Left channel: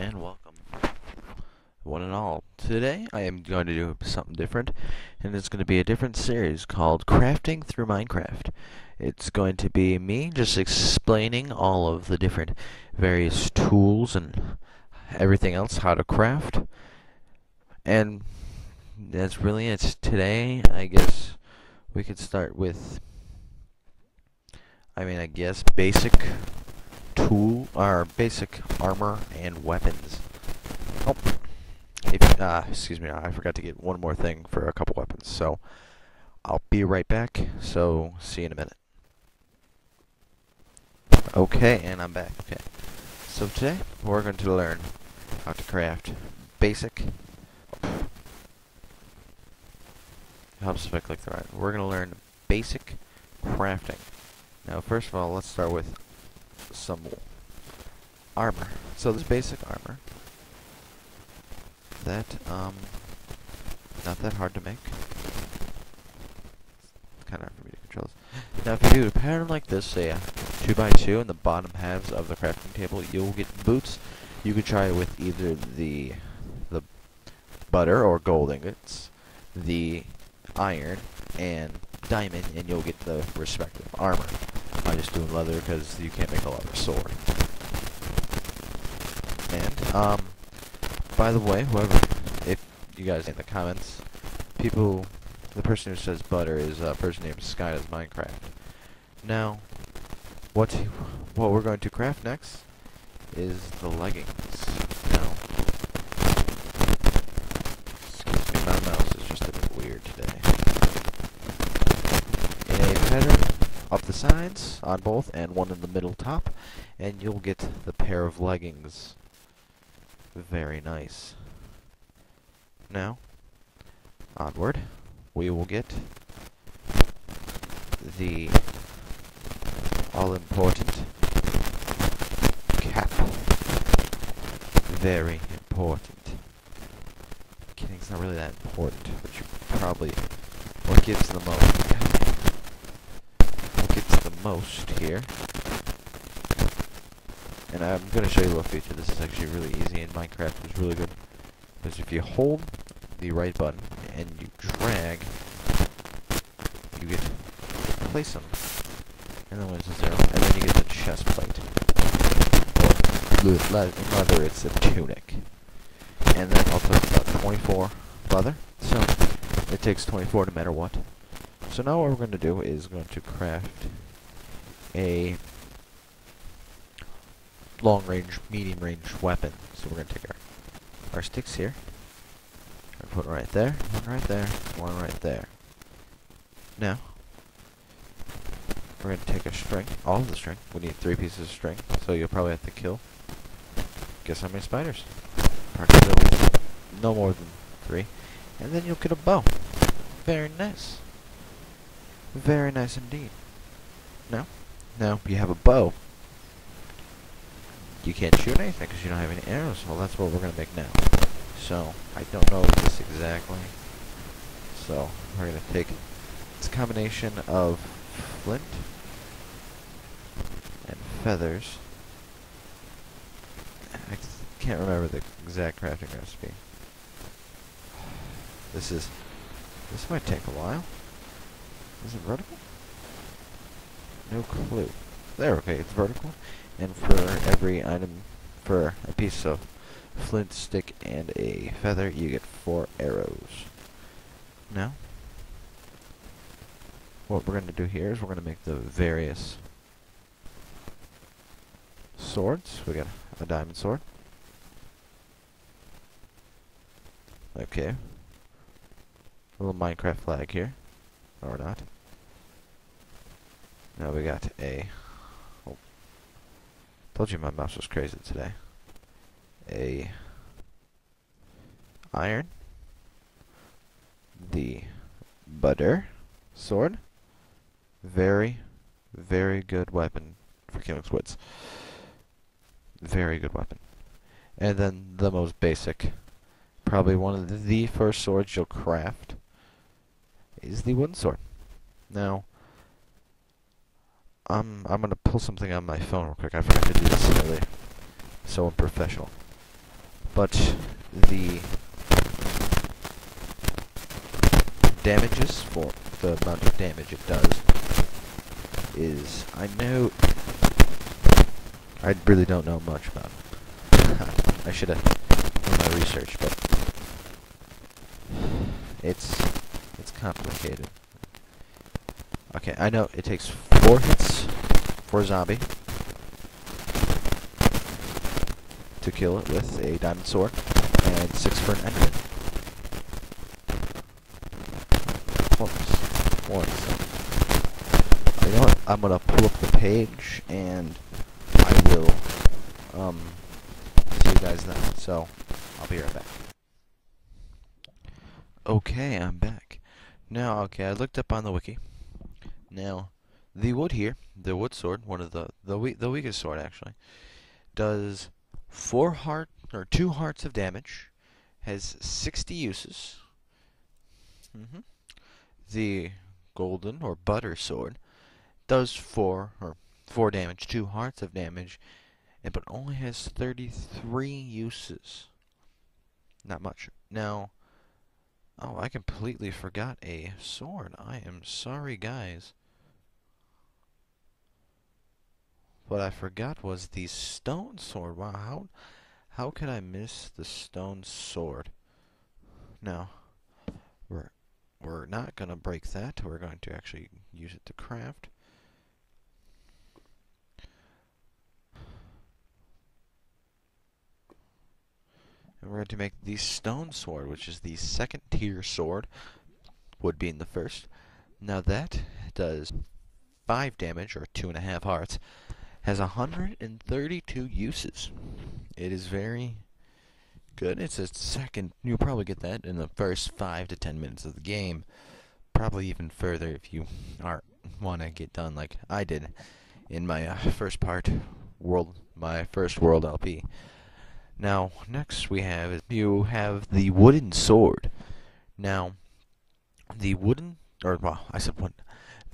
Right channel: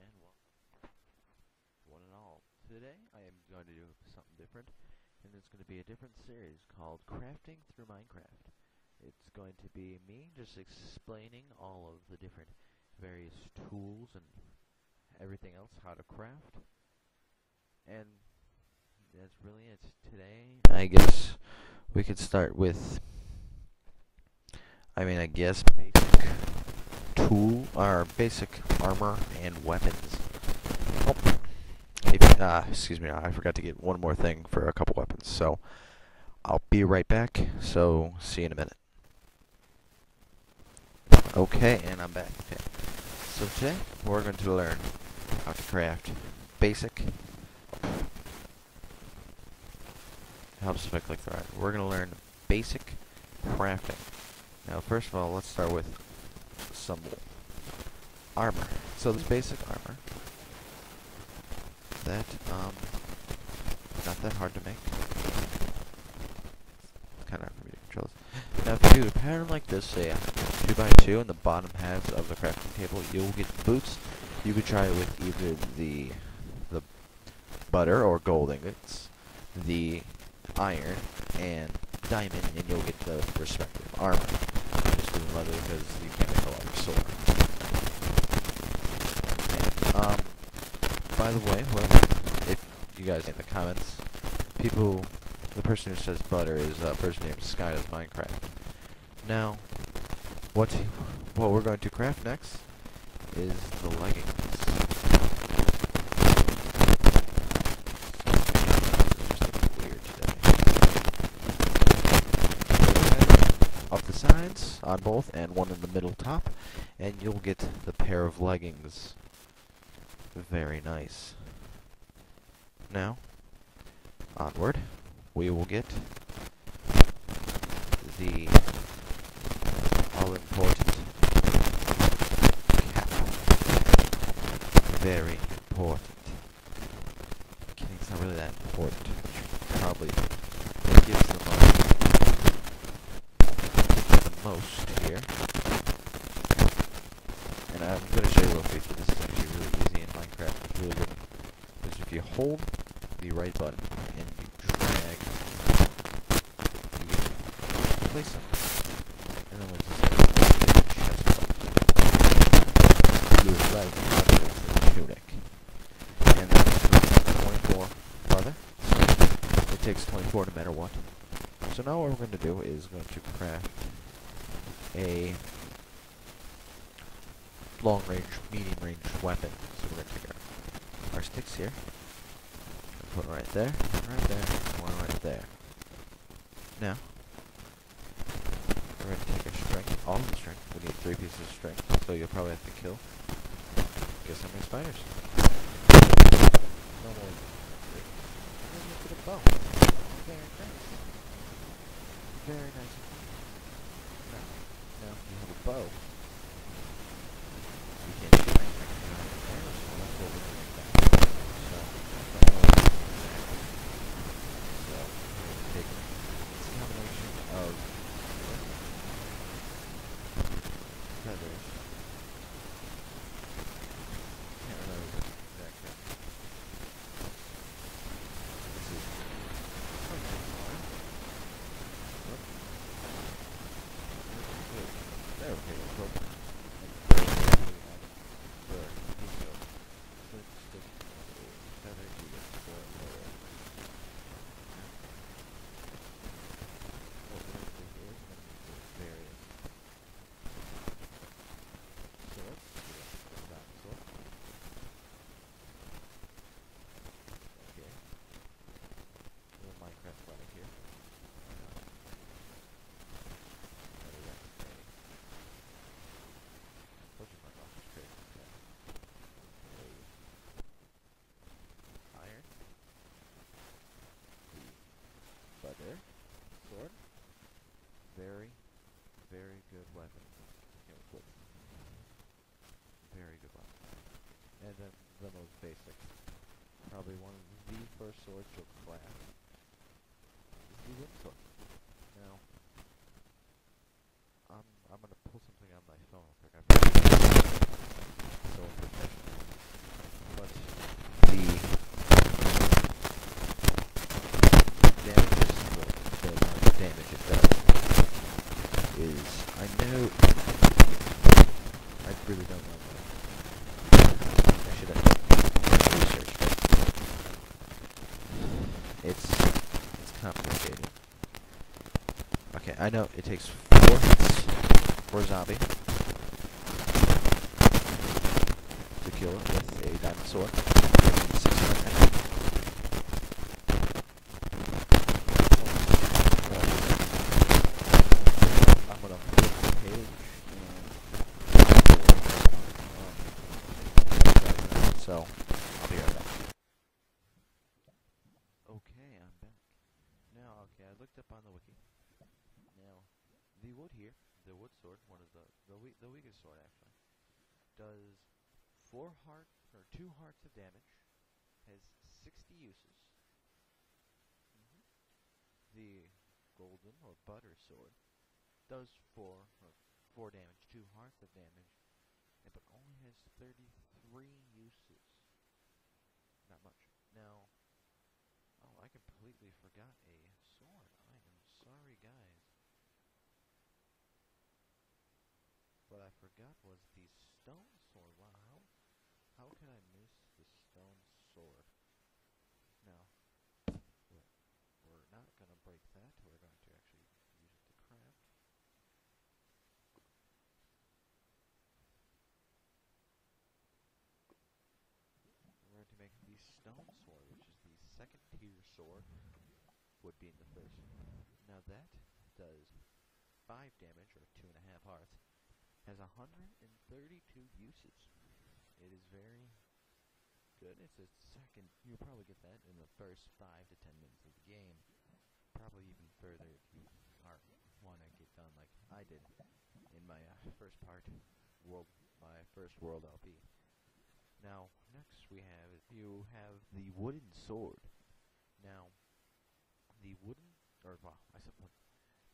and welcome, one and all. Today I am going to do something different, and it's going to be a different series called Crafting Through Minecraft. It's going to be me just explaining all of the different various tools and everything else, how to craft, and that's really it. Today, I guess we could start with, basic basic armor and weapons. Oh, excuse me, I forgot to get one more thing for a couple weapons, so I'll be right back, so see you in a minute. Okay, and I'm back. Okay, so today we're going to learn how to craft basic, helps if I click the right. We're going to learn basic crafting. Now first of all, let's start with some armor. So this basic armor, that not that hard to make. It's kind of hard for me to control this. Now if you do a pattern like this, say a 2x2 in the bottom halves of the crafting table, you'll get boots. You could try it with either the butter or gold ingots, the iron and diamond, and you'll get the respective armor. I'm just doing leather because you can't make a leather sword. And, by the way, if you guys in the comments, the person who says butter is a person named Sky Does Minecraft. Now, what we're going to craft next is the leggings. Now, excuse me, my mouse is just a bit weird today. In a pattern up the sides on both and one in the middle top, and you'll get the pair of leggings. Very nice. Now, onward, we will get the all-important cap. Very important. I'm kidding, it's not really that important, but what gives the most here. And I'm going to show you a little feature. This is actually really easy in Minecraft. It was really good. Because if you hold the right button and you drag, you get to place them. And then when it's a 0, and then you get the chest plate. Or in leather, it's a tunic. And that all took about 24 leather. So it takes 24 no matter what. So now what we're going to do is going to craft a long-range, medium-range weapon. So we're going to take our sticks here, and put one right there, one right there, one right there. Now, we're going to take a string, all of the string. We need 3 pieces of string, so you'll probably have to kill, guess how many spiders? Approximately no more than 3. And then you'll get a bow. Very nice. Very nice indeed. Now, if you have a bow, you can't shoot anything because you don't have any arrows. Well, that's what we're going to make now. So, I don't know this exactly. So, we're going to take this combination of flint and feathers. I can't remember the exact crafting recipe. This might take a while. Is it vertical? No clue. There, okay, it's vertical. And for every item, for a piece of flint, stick, and a feather, you get 4 arrows. Now, what we're going to do here is we're going to make the various swords. We got a diamond sword. Okay. A little Minecraft flag here. Or not. Now we got told you my mouse was crazy today. A iron. The butter sword. Very, very good weapon for killing squids. Very good weapon. And then the most basic, probably one of the first swords you'll craft, is the wooden sword. Now, I'm gonna pull something on my phone real quick. I forgot to do this earlier. So unprofessional. but the damages for the amount of damage it does is, I really don't know much about it. I should have done my research, but it's complicated. Okay, I know it takes 4 hits for a zombie to kill it with a diamond sword, and 6 for an enderman. Oops, 1 second. You know what? I'm gonna pull up the page, and I will see you guys then. So I'll be right back. Okay, I'm back. Now, okay, I looked up on the wiki. Now, the wood here, the wood sword, one of the weakest sword actually, does 2 hearts of damage, has 60 uses. The golden or butter sword does 4 damage, 2 hearts of damage, but only has 33 uses. Not much. Now, oh, I completely forgot a sword. I am sorry, guys. What I forgot was the stone sword. Wow, how could I miss the stone sword? Now, we're not gonna break that. We're going to actually use it to craft. And we're going to make the stone sword, which is the 2nd tier sword, wood being the first. Now that does 5 damage, or 2.5 hearts, has 132 uses. It is very good. It's a second. You'll probably get that in the first 5 to 10 minutes of the game. Probably even further if you want to get done like I did in my first world LP. Now, next you have the wooden sword. Now, the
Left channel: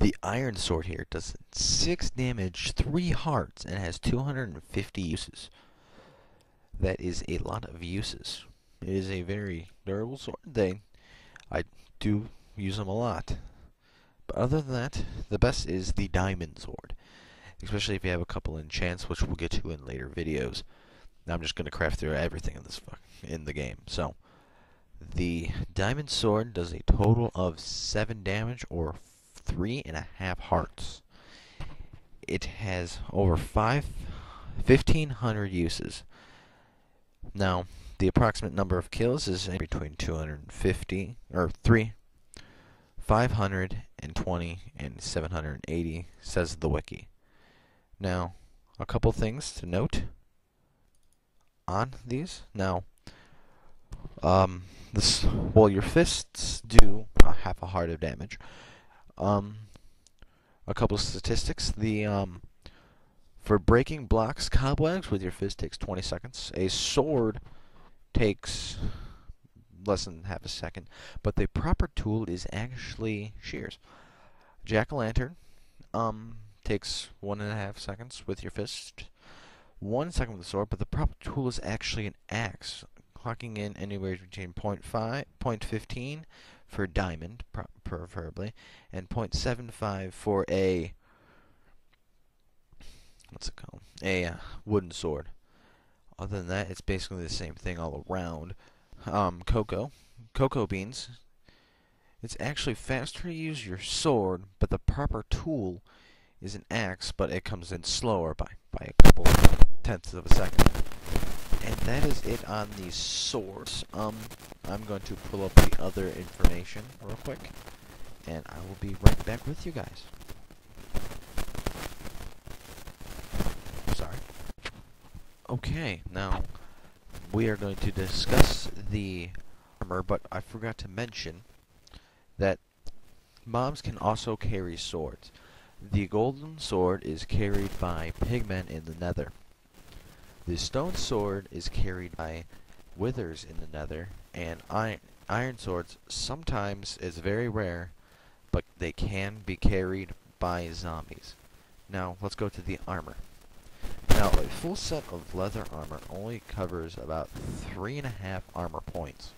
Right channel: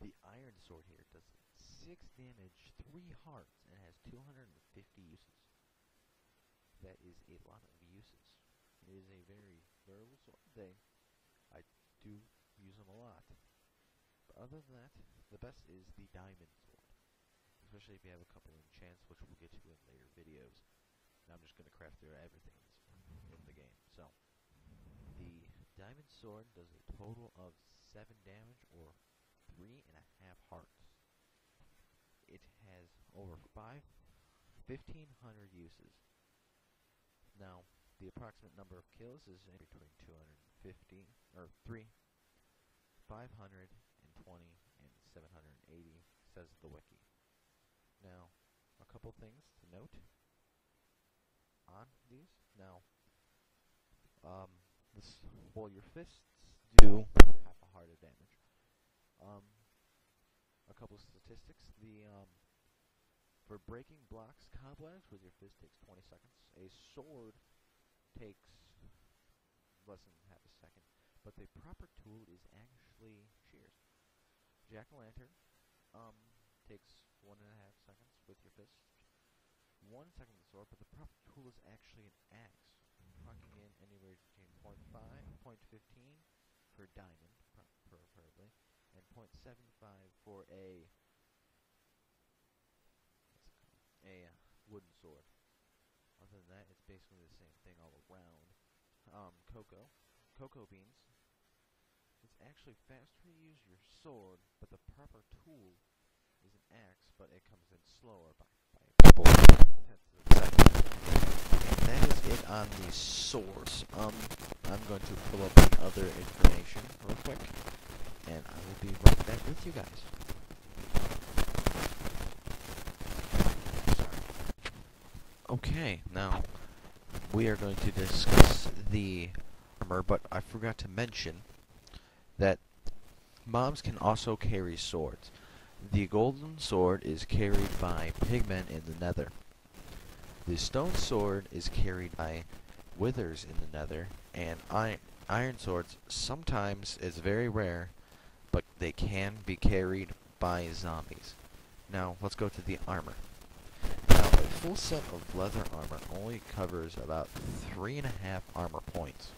the iron sword here does 6 damage, 3 hearts, and has 250 uses. That is a lot of uses. It is a very durable sword. I do use them a lot. But other than that, the best is the diamond sword. Especially if you have a couple enchants, which we'll get to in later videos. Now I'm just going to craft through everything in the game. So, the diamond sword does a total of 7 damage, or 3.5 hearts. It has over 1,500 uses. Now, the approximate number of kills is between 250, or 520 and 780, says the wiki. Now, a couple things to note on these. Now, your fists do half a heart of damage. A couple of statistics. For breaking blocks, cobwebs with your fist takes 20 seconds. A sword takes less than half a second, but the proper tool is actually shears. Jack-o'-lantern takes 1.5 seconds with your fist, 1 second with the sword, but the proper tool is actually an axe, clocking in anywhere between 0.15 for diamond, preferably, and 0.75 for a wooden sword. Other than that, it's basically the same thing all around. Cocoa beans. It's actually faster to use your sword, but the proper tool is an axe, but it comes in slower by a couple tenths of a second. And that is it on the swords. I'm going to pull up the other information real quick, and I will be right back with you guys. Sorry. Okay, now we are going to discuss the armor, but I forgot to mention that mobs can also carry swords. The golden sword is carried by pigmen in the nether. The stone sword is carried by withers in the nether, and iron swords sometimes is very rare, but they can be carried by zombies. Now, let's go to the armor. Now, a full set of leather armor only covers about 3.5 armor points,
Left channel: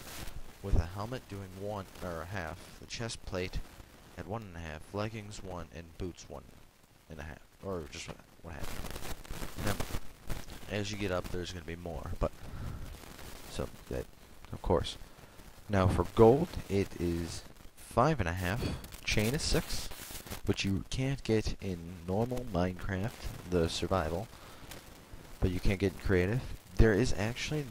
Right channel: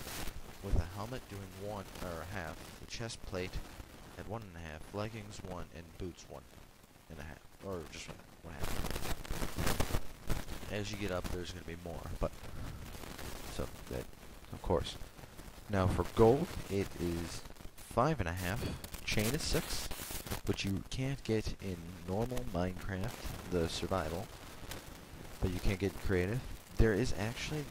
with a helmet doing 1.5, the chest plate at 1.5, leggings 1, and boots 1.5, or just 1.5. Now, as you get up, there's going to be more, but so that, of course. Now, for gold, it is 5.5. Chain is 6, which you can't get in normal Minecraft, the survival, but you can't get in creative. There is actually a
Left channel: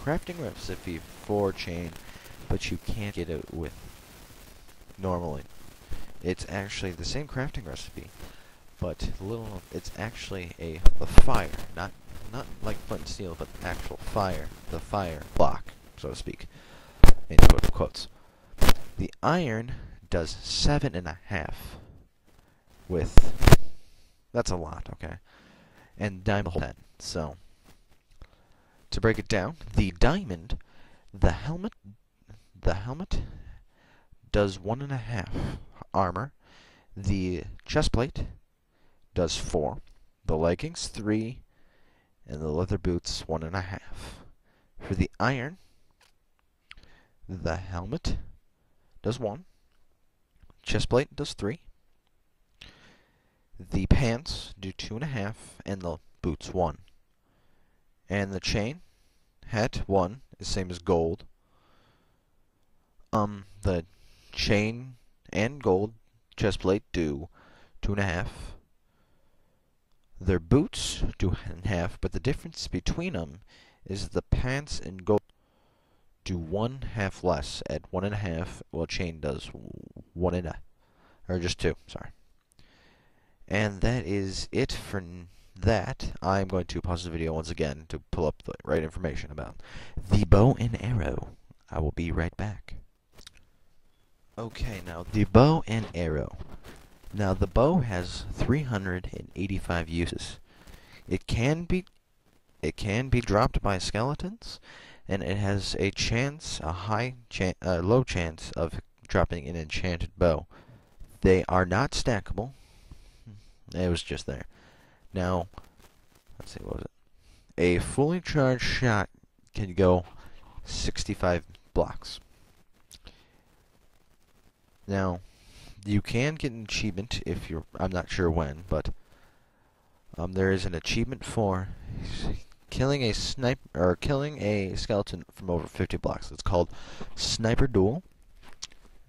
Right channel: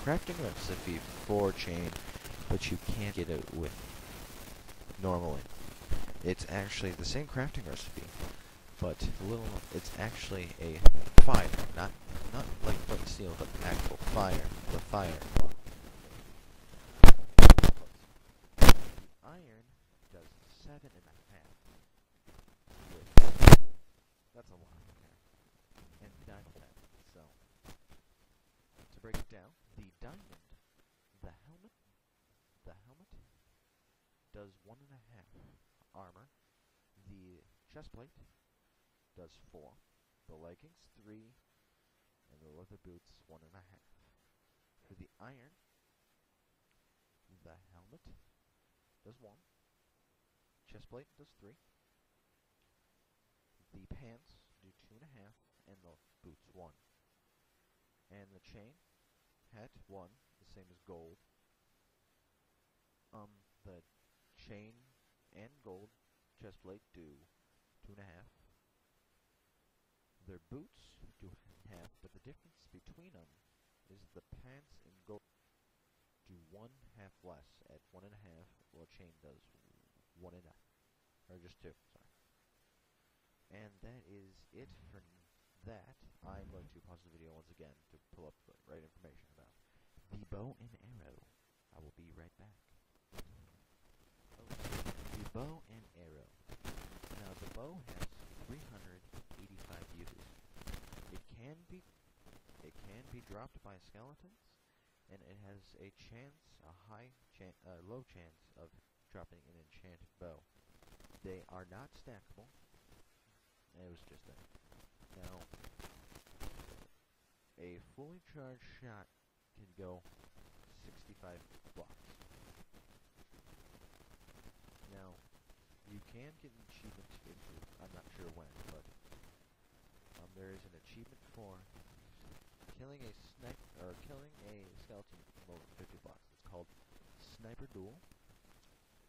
crafting recipe for chain, but you can't get it with normally. It's actually the same crafting recipe, but it's actually the fire, not like flint and steel, but actual fire, the fire block, so to speak, in quotes. The iron does 7.5 with, that's a lot, okay, and diamond 10. So to break it down, the diamond, the helmet does 1.5 armor, the chest plate does 4, the leggings 3, and the leather boots 1.5. For the iron, the helmet does 1, chest plate does 3, the pants do 2.5, and the boots 1. And the chain, hat 1, is same as gold. The chain and gold chest plate do 2.5. Their boots do 1.5, but the difference between them is the pants and gold do 1.5 less at 1.5, while chain does 1.5, or just 2. Sorry. And that is it for that. I'm going to pause the video once again to pull up the right information about the bow and arrow. I will be right back. Okay, now the bow and arrow. Now the bow has 385 uses. It can be dropped by skeletons, and it has a low chance of dropping an enchanted bow. They are not stackable. It was just there. Now, let's see, what was it? A fully charged shot can go 65 blocks. Now, you can get an achievement if you're, I'm not sure when, but there is an achievement for killing a skeleton from over 50 blocks. It's called Sniper Duel.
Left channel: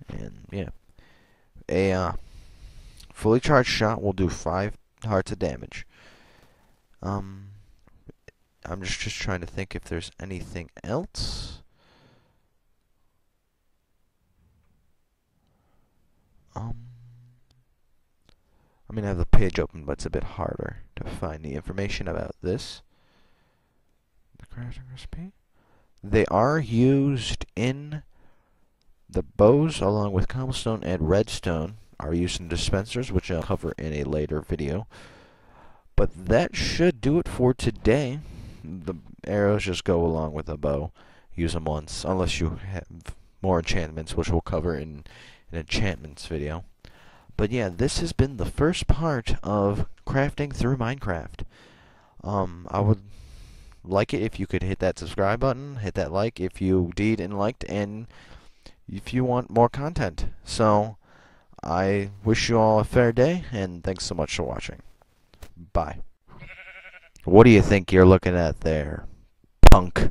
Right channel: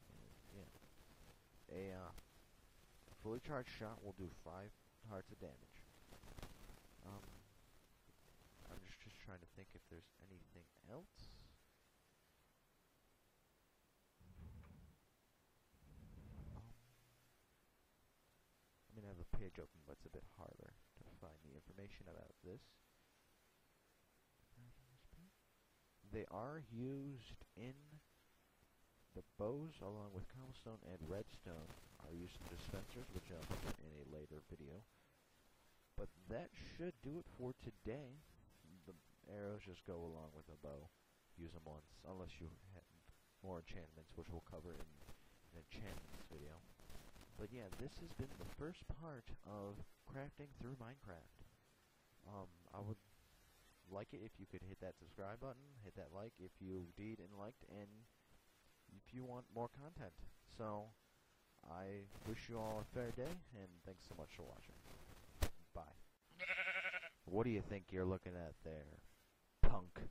And yeah, a fully charged shot will do 5 hearts of damage. I'm just trying to think if there's anything else. I mean, I have the page open, but it's a bit harder to find the information about this. The crafting recipe. They are used in the bows, along with cobblestone and redstone, are used in dispensers, which I'll cover in a later video. But that should do it for today. The arrows just go along with the bow. Use them once, unless you have more enchantments, which we'll cover in an enchantments video. But yeah, this has been the first part of crafting through Minecraft. I would like it if you could hit that subscribe button, hit that like if you did and liked, and if you want more content. So, I wish you all a fair day, and thanks so much for watching. Bye. What do you think you're looking at there, punk?